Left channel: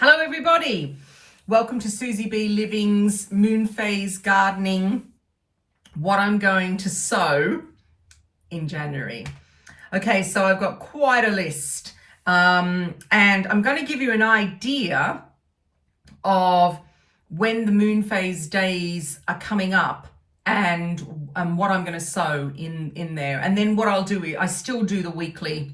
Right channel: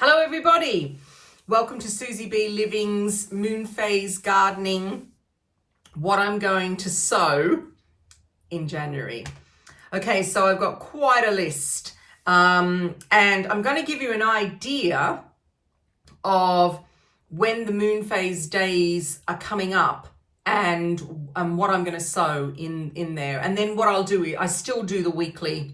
Hello everybody, welcome to SusyBLiving's Moonphase Gardening, what I'm going to sow in January. Okay, so I've got quite a list and I'm going to give you an idea of when the Moonphase days are coming up and what I'm going to sow in there. And then what I'll do is I still do the weekly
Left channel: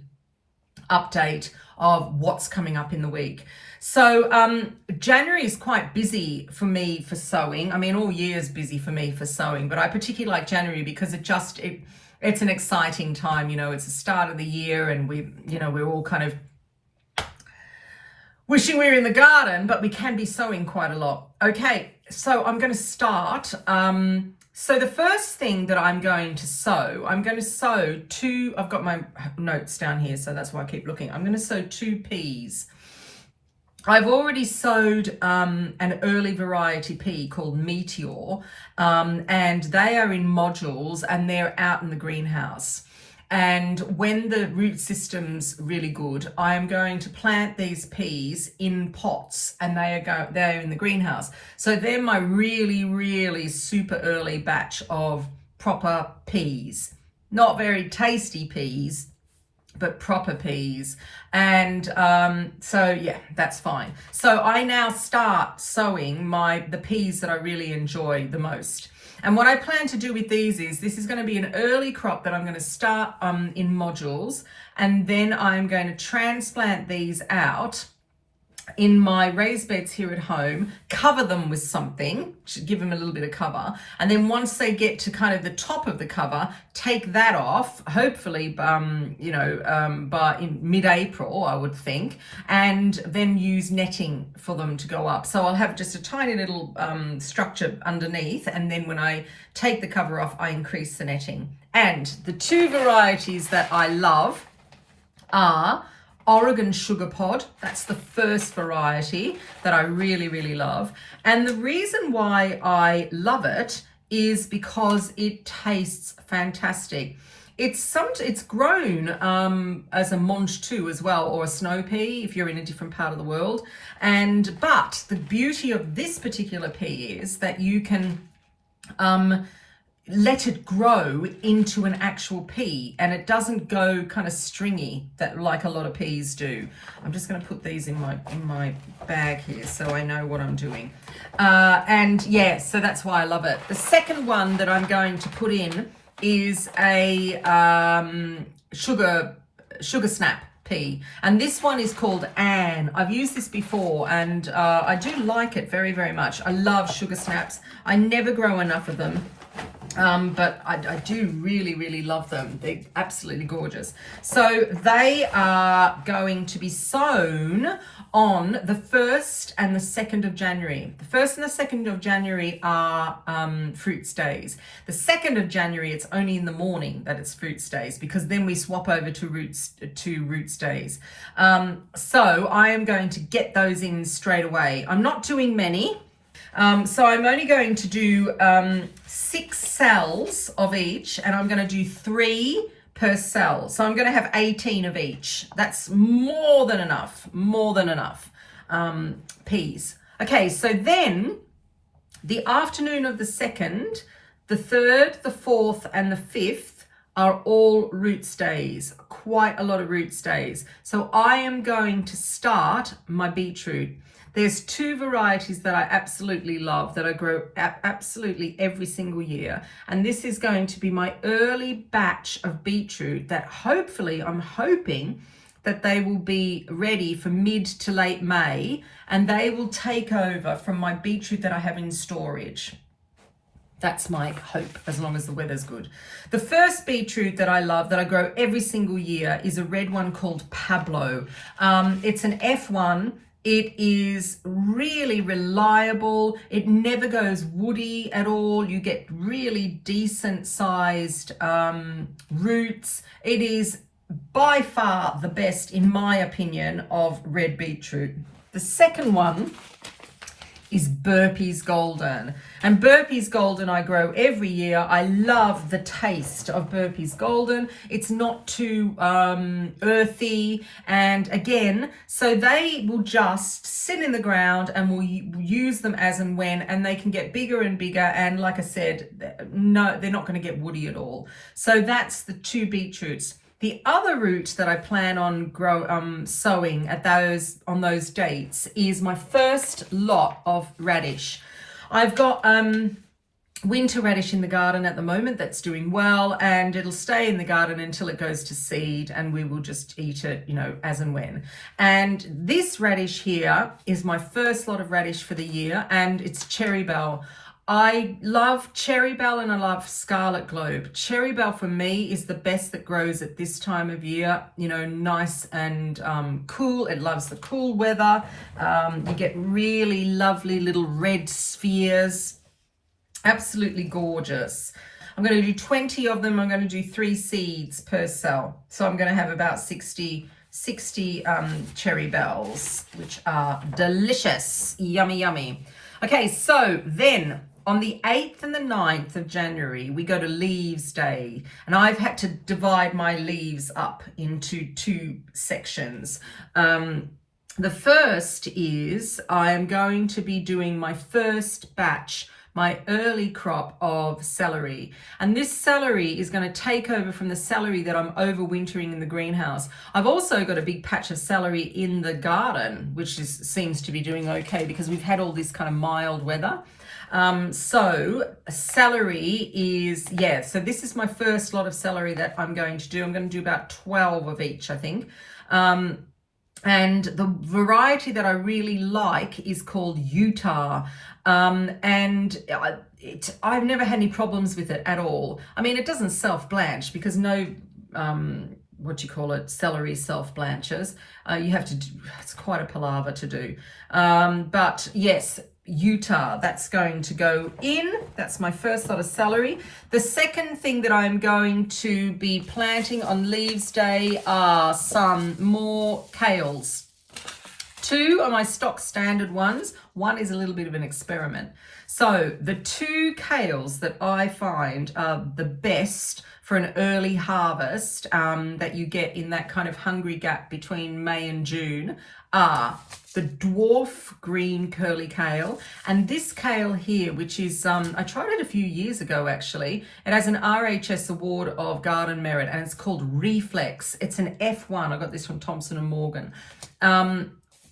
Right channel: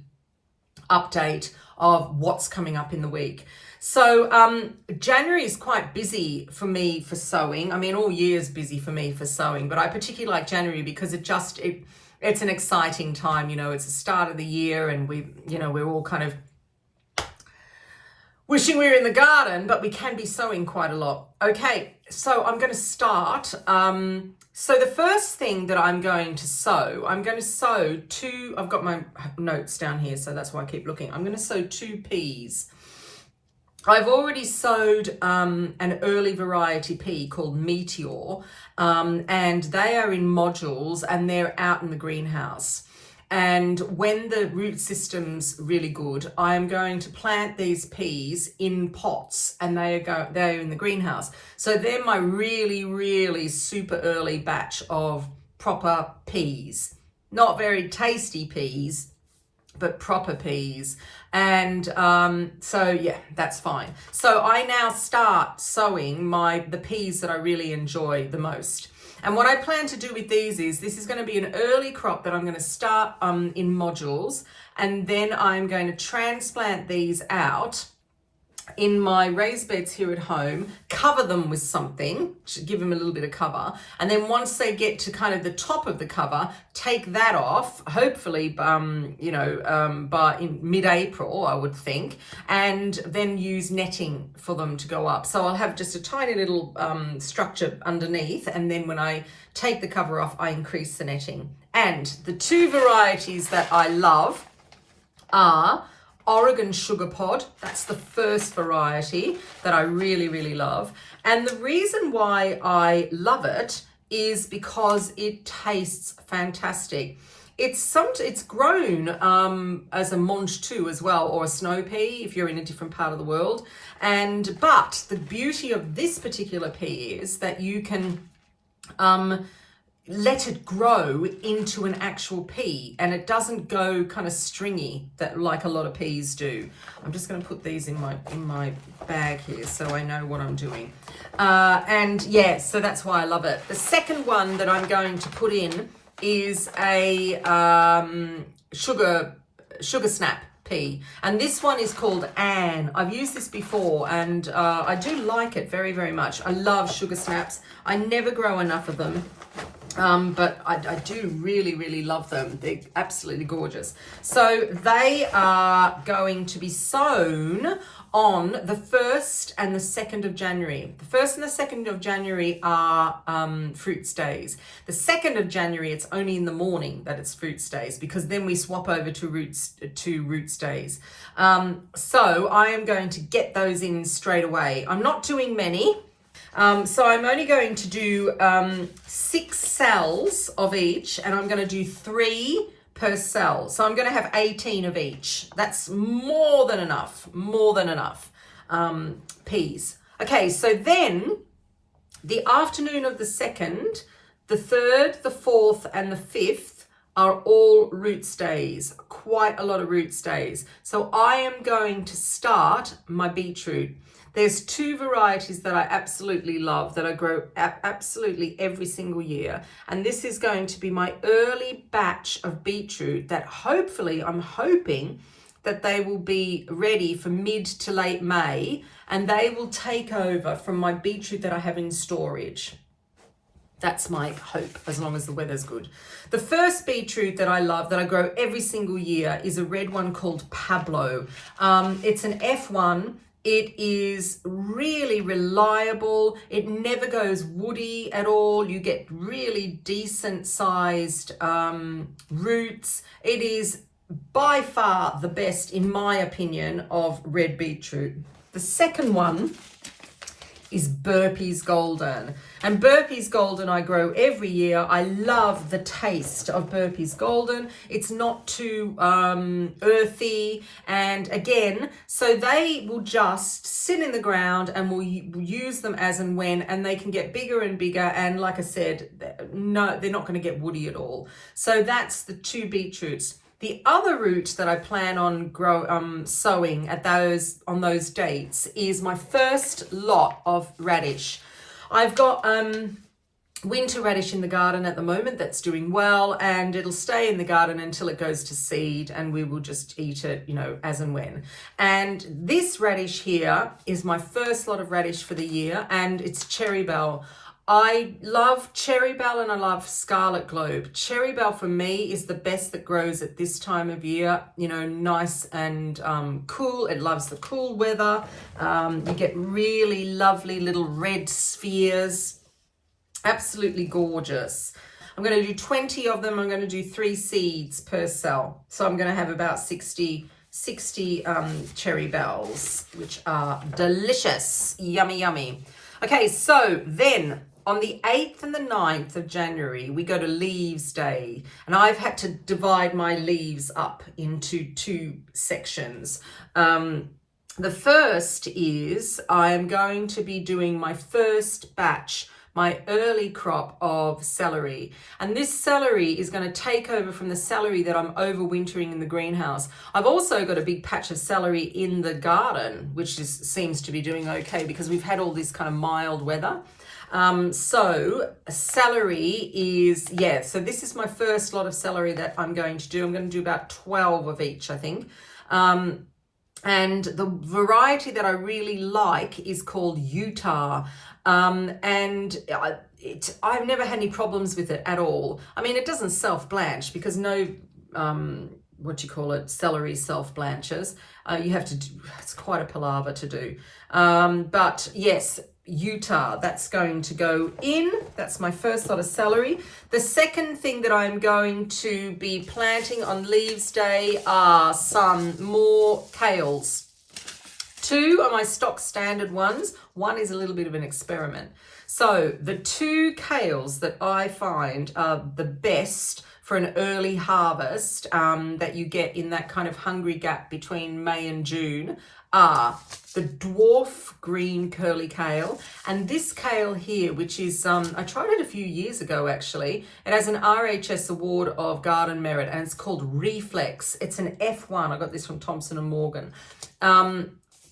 update of what's coming up in the week. So January is quite busy for me for sowing. I mean, all year is busy for me for sowing, but I particularly like January because it's an exciting time. You know, it's the start of the year and we're all kind of wishing we were in the garden, but we can be sowing quite a lot. Okay, so I'm going to start. So the first thing that I'm going to sow I've got my notes down here, so that's why I keep looking. I'm going to sow 2 peas. I've already sowed an early variety pea called Meteor, and they are in modules and they're out in the greenhouse. And when the root system's really good, I am going to plant these peas in pots, and they're in the greenhouse. So they're my really, really super early batch of proper peas. Not very tasty peas, but proper peas. And so yeah, that's fine. So I now start sowing the peas that I really enjoy the most. And what I plan to do with these is, this is going to be an early crop that I'm going to start in modules, and then I'm going to transplant these out in my raised beds here at home, cover them with something to give them a little bit of cover, and then once they get to kind of the top of the cover, take that off, hopefully by in mid-April, I would think, and then use netting for them to go up. So I'll have just a tiny little structure underneath, and then when I take the cover off, I increase the netting. And the 2 varieties that I love are Oregon Sugar Pod. That's the first variety that I really, really love. And the reason why I love it is because it tastes fantastic. It's grown as a mange too as well, or a snow pea if you're in a different part of the world. But the beauty of this particular pea is that you can let it grow into an actual pea, and it doesn't go kind of stringy like a lot of peas do. I'm just going to put these in my bag here so I know what I'm doing. And yeah, so that's why I love it. The second one that I'm going to put in is a sugar snap pea, and this one is called Anne. I've used this before, and I do like it very, very much. I love sugar snaps. I never grow enough of them. But I do really, really love them. They're absolutely gorgeous. So they are going to be sown on the 1st and the 2nd of January. The 1st and the 2nd of January are fruits days. The 2nd of January, it's only in the morning that it's fruits days, because then we swap over to roots days. So I am going to get those in straight away. I'm not doing many. So I'm only going to do 6 cells of each, and I'm going to do 3 per cell. So I'm going to have 18 of each. That's more than enough peas. Okay, so then the afternoon of the 2nd, the 3rd, the 4th, and the 5th are all roots days, quite a lot of roots days. So I am going to start my beetroot. There's 2 varieties that I absolutely love that I grow absolutely every single year. And this is going to be my early batch of beetroot that hopefully, I'm hoping that they will be ready for mid to late May, and they will take over from my beetroot that I have in storage. That's my hope, as long as the weather's good. The first beetroot that I love, that I grow every single year, is a red one called Pablo. It's an F1. It is really reliable. It never goes woody at all. You get really decent sized roots. It is by far the best, in my opinion, of red beetroot. The second one is Burpees Golden. And Burpees Golden I grow every year. I love the taste of Burpees Golden. It's not too earthy. And again, so they will just sit in the ground and we'll use them as and when, and they can get bigger and bigger. And like I said, no, they're not going to get woody at all. So that's the 2 beetroots. The other root that I plan on sowing on those dates is my first lot of radish. I've got winter radish in the garden at the moment that's doing well, and it'll stay in the garden until it goes to seed, and we will just eat it, you know, as and when. And this radish here is my first lot of radish for the year, and it's Cherry Belle. I love Cherry Belle and I love Scarlet Globe. Cherry Belle for me is the best that grows at this time of year, you know, nice and cool. It loves the cool weather. You get really lovely little red spheres. Absolutely gorgeous. I'm going to do 20 of them. I'm going to do 3 seeds per cell. So I'm going to have about 60 Cherry Belles, which are delicious. Yummy, yummy. Okay, so then on the 8th and the 9th of January, we go to Leaves Day. And I've had to divide my leaves up into 2 sections. The first is I'm going to be doing my first batch, my early crop of celery. And this celery is going to take over from the celery that I'm overwintering in the greenhouse. I've also got a big patch of celery in the garden, which seems to be doing okay because we've had all this kind of mild weather. So celery is, yeah, so this is my first lot of celery that I'm going to do. I'm going to do about 12 of each, I think. And the variety that I really like is called Utah. And I've never had any problems with it at all. I mean, it doesn't self-blanch because no, celery self-blanches. You have to do, it's quite a palaver to do. But yes, Utah, that's going to go in. That's my first lot of celery. The second thing that I'm going to be planting on Leaves Day are some more kales. 2 are my stock standard ones. 1 is a little bit of an experiment. So the 2 kales that I find are the best for an early harvest that you get in that kind of hungry gap between May and June are the Dwarf green curly kale, and this kale here, which is, I tried it a few years ago actually. It has an RHS Award of Garden Merit and it's called Reflex. It's an F1. I got this from Thompson & Morgan.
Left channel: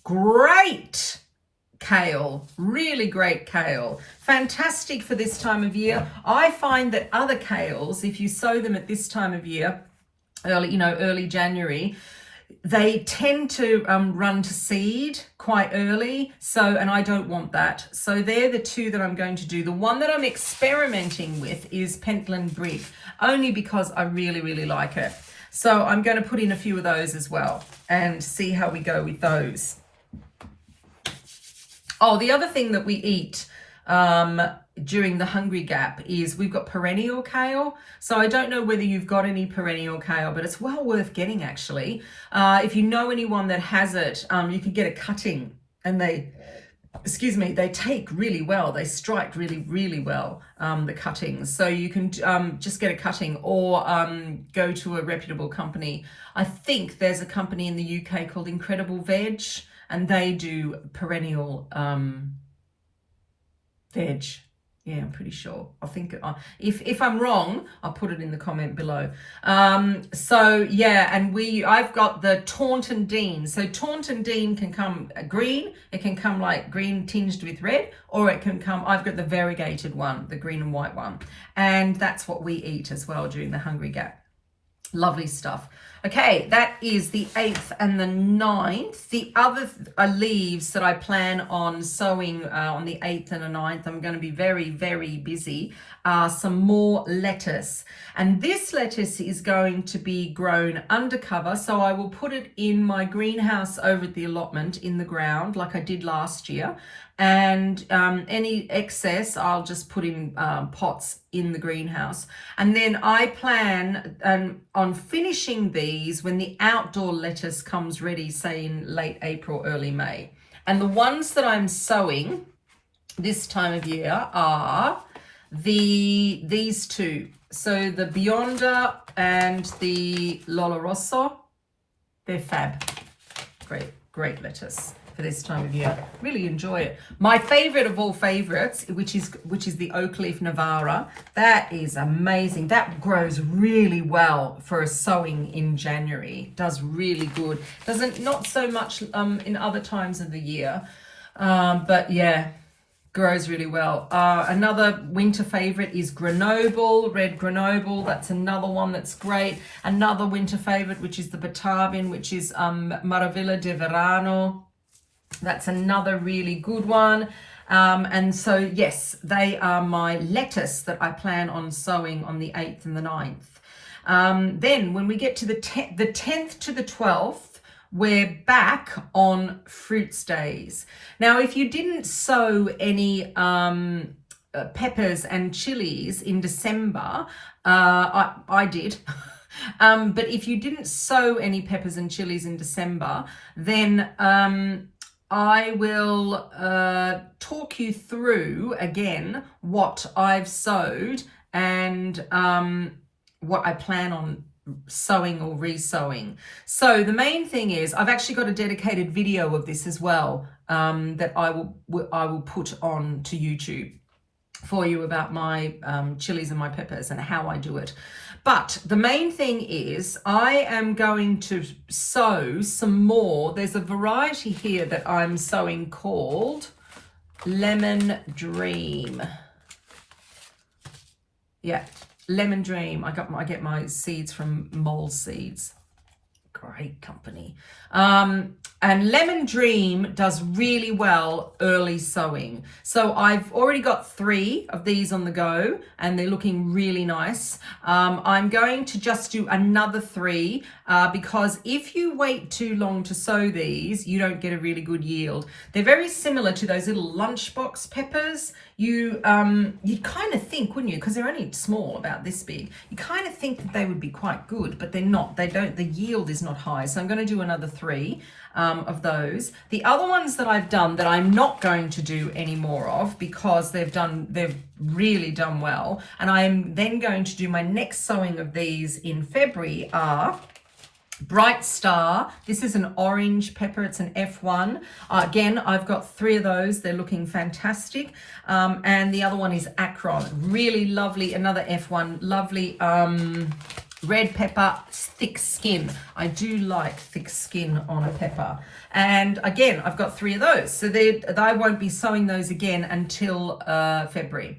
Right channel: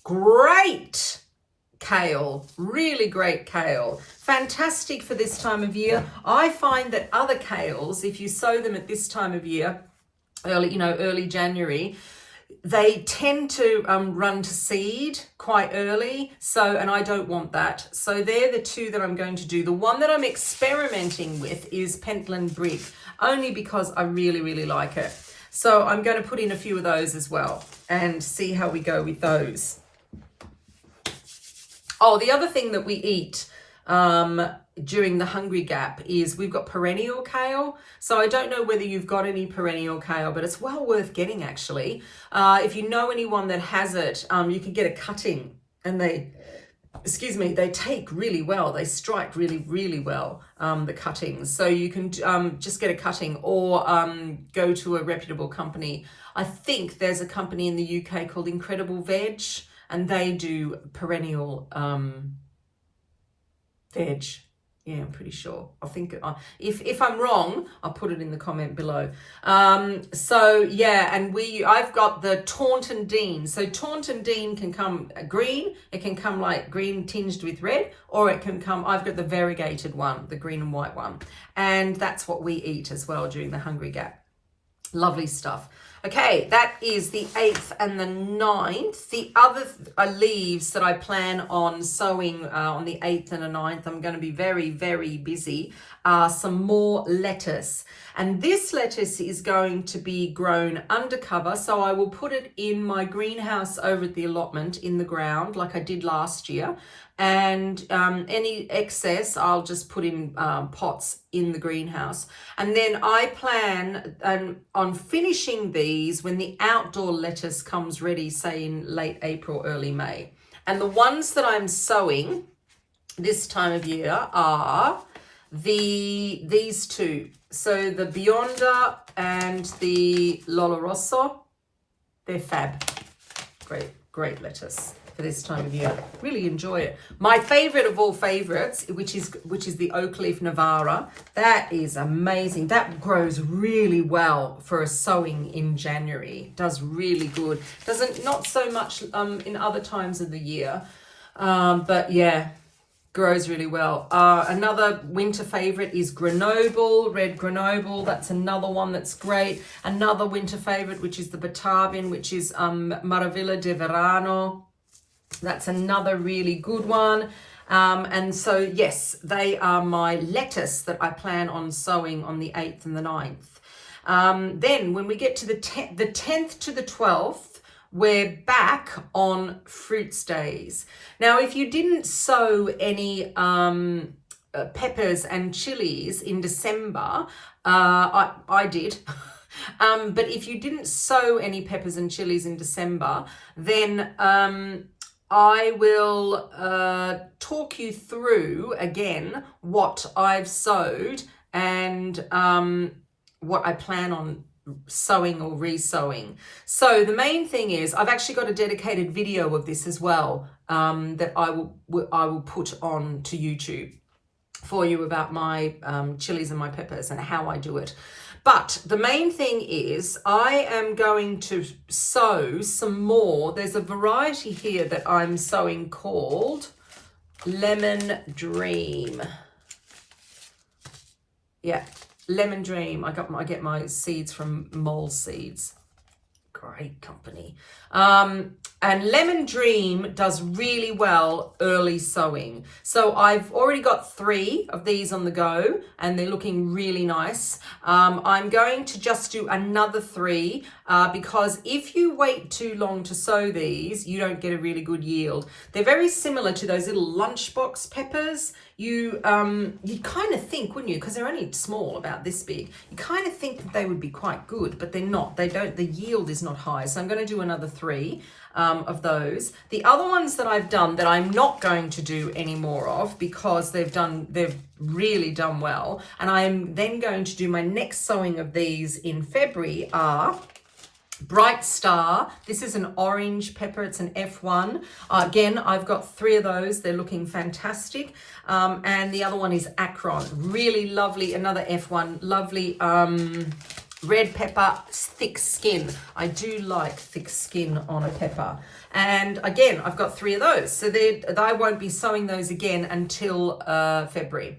Great kale, really great kale. Fantastic for this time of year. I find that other kales, if you sow them at this time of year, early January, they tend to run to seed quite early. And I don't want that. So they're the 2 that I'm going to do. The one that I'm experimenting with is Pentland Brigg, only because I really, really like it. So I'm going to put in a few of those as well and see how we go with those. Oh, the other thing that we eat during the hungry gap is we've got perennial kale. So I don't know whether you've got any perennial kale, but it's well worth getting actually. If you know anyone that has it, you can get a cutting and they take really well. They strike really, really well, the cuttings. So you can just get a cutting or go to a reputable company. I think there's a company in the UK called Incredible Veg, and they do perennial veg. Yeah, I'm pretty sure. I think if I'm wrong, I'll put it in the comment below. So yeah, and I've got the Taunton Dean. So Taunton Dean can come green. It can come like green tinged with red, or it can come, I've got the variegated one, the green and white one. And that's what we eat as well during the hungry gap. Lovely stuff. Okay, that is the 8th and the 9th. The other leaves that I plan on sowing on the 8th and the 9th, I'm going to be very, very busy, are some more lettuce. And this lettuce is going to be grown undercover. So I will put it in my greenhouse over at the allotment in the ground like I did last year. And any excess I'll just put in pots in the greenhouse. And then I plan on finishing these when the outdoor lettuce comes ready, say in late April, early May. And the ones that I'm sowing this time of year are these two. So the Bionda and the Loloroso, they're fab. Great lettuce for this time of year. Really enjoy it. My favorite of all favorites, which is the oak leaf Navara. That is amazing. That grows really well for a sowing in January. Does really good. Not so much in other times of the year, but yeah, grows really well. Another winter favorite is Grenoble, red Grenoble. That's another one that's great. Another winter favorite, which is the Batavian, which is Maravilla de Verano. That's another really good one. And so, yes, they are my lettuce that I plan on sowing on the 8th and the 9th. Then when we get to the 10th to the 12th, we're back on fruits days. Now, if you didn't sow any peppers and chilies in December, I did. But if you didn't sow any peppers and chilies in December, then I will talk you through again what I've sowed and what I plan on sowing or resowing. So the main thing is I've actually got a dedicated video of this as well that I will put on to YouTube for you about my chilies and my peppers and how I do it. But the main thing is I am going to sow some more. There's a variety here that I'm sowing called Lemon Dream. Yeah, Lemon Dream. I get my seeds from Mole Seeds. Great company. And Lemon Dream does really well early sowing. So I've already got 3 of these on the go and they're looking really nice. I'm going to just do another 3 because if you wait too long to sow these, you don't get a really good yield. They're very similar to those little lunchbox peppers. You'd kind of think, wouldn't you, because they're only small, about this big, you kind of think that they would be quite good, but they're not. The yield is not high. So I'm going to do another 3 of those. The other ones that I've done that I'm not going to do any more of because they've really done well, and I'm then going to do my next sowing of these in February are Bright Star. This is an orange pepper. It's an F1. Again, I've got 3 of those. They're looking fantastic. And the other one is Akron. Really lovely. Another F1. Lovely red pepper, thick skin. I do like thick skin on a pepper. And again, I've got 3 of those. So I won't be sowing those again until February.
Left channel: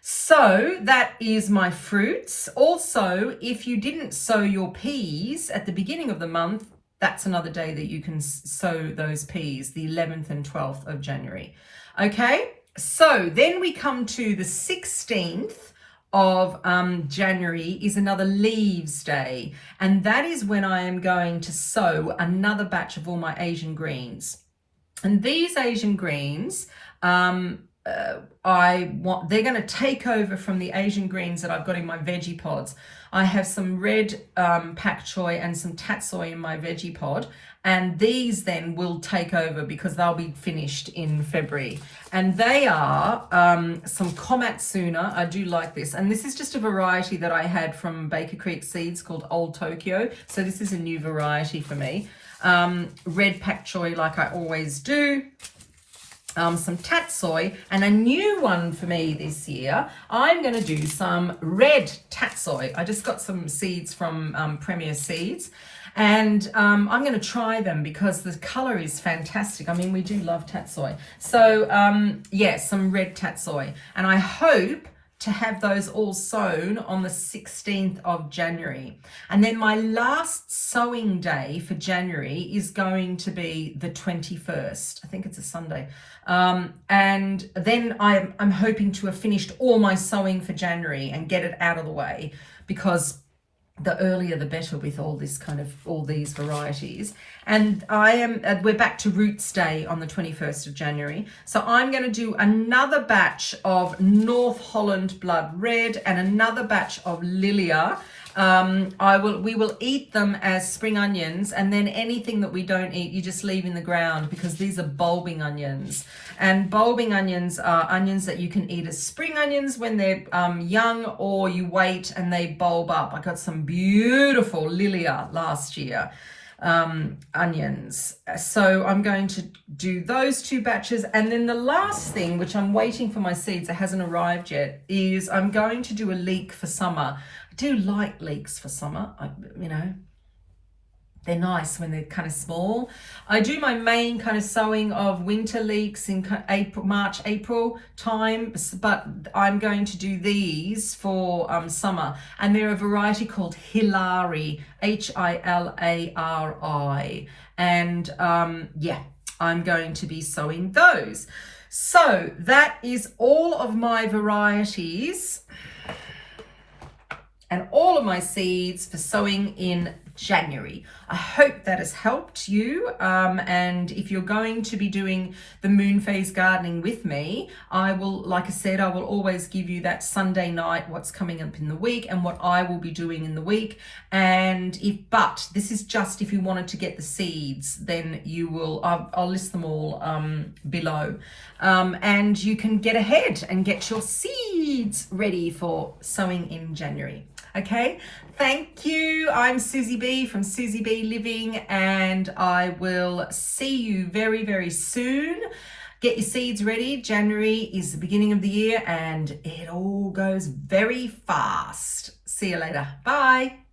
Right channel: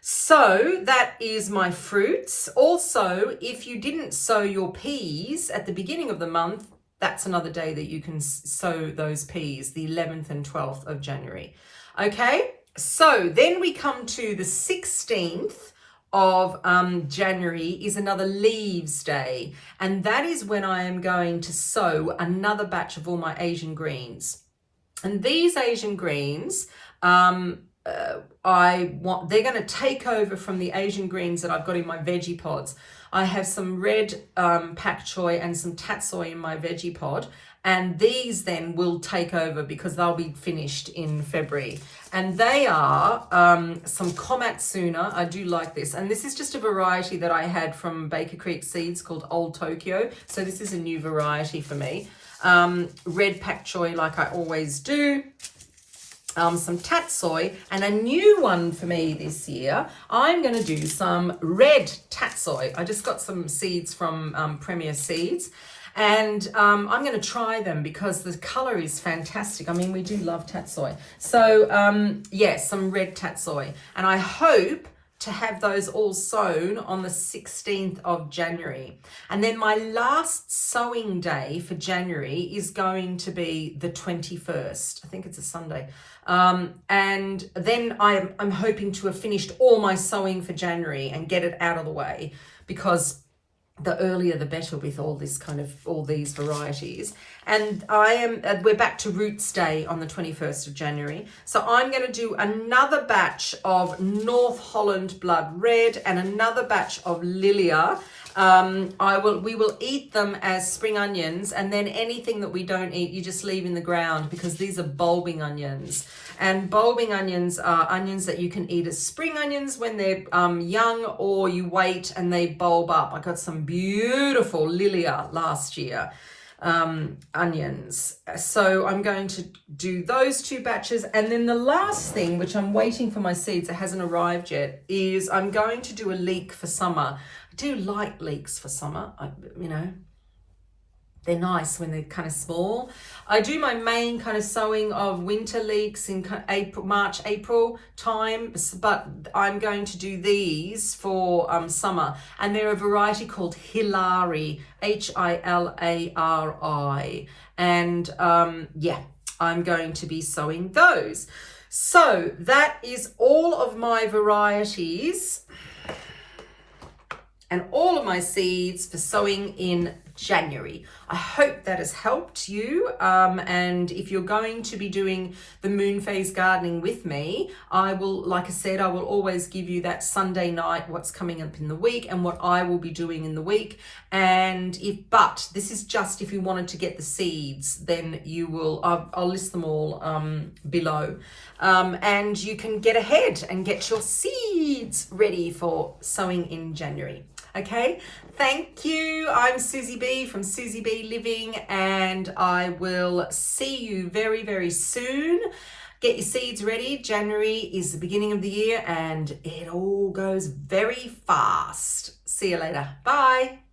So that is my fruits. Also, if you didn't sow your peas at the beginning of the month, that's another day that you can sow those peas, the 11th and 12th of January. Okay, so then we come to the 16th of January is another leaves day. And that is when I am going to sow another batch of all my Asian greens. And these Asian greens, they're going to take over from the Asian greens that I've got in my veggie pods. I have some red pak choi and some tatsoi in my veggie pod, and these then will take over because they'll be finished in February. And they are some Komatsuna. I do like this, and this is just a variety that I had from Baker Creek Seeds called Old Tokyo. So this is a new variety for me. Red pak choi, like I always do. Some tatsoi, and a new one for me this year, I'm going to do some red tatsoi. I just got some seeds from Premier Seeds, and I'm going to try them because the color is fantastic. I mean, we do love tatsoi. So yeah, some red tatsoi, and I hope to have those all sown on the 16th of January. And then my last sowing day for January is going to be the 21st. I think it's a Sunday. And then I'm hoping to have finished all my sowing for January and get it out of the way, because the earlier the better with all these varieties. And we're back to Roots Day on the 21st of January. So I'm going to do another batch of North Holland Blood Red and another batch of Lillia. We will eat them as spring onions, and then anything that we don't eat, you just leave in the ground, because these are bulbing onions. And bulbing onions are onions that you can eat as spring onions when they're young, or you wait and they bulb up. I got some beautiful Lillia last year onions. So I'm going to do those 2 batches. And then the last thing, which I'm waiting for my seeds, it hasn't arrived yet, is I'm going to do a leek for summer. I do like leeks for summer. They're nice when they're kind of small. I do my main kind of sowing of winter leeks in March, April time, but I'm going to do these for summer. And they're a variety called Hilari, Hilari. And yeah, I'm going to be sowing those. So that is all of my varieties and all of my seeds for sowing in January. I hope that has helped you. And if you're going to be doing the Moonphase gardening with me, I will, like I said, I will always give you that Sunday night, what's coming up in the week and what I will be doing in the week. And but this is just if you wanted to get the seeds, then you will, I'll list them all below. And you can get ahead and get your seeds ready for sowing in January. Okay, thank you. I'm Susie B from SusyBLiving, and I will see you very, very soon. Get your seeds ready. January is the beginning of the year and it all goes very fast. See you later. Bye.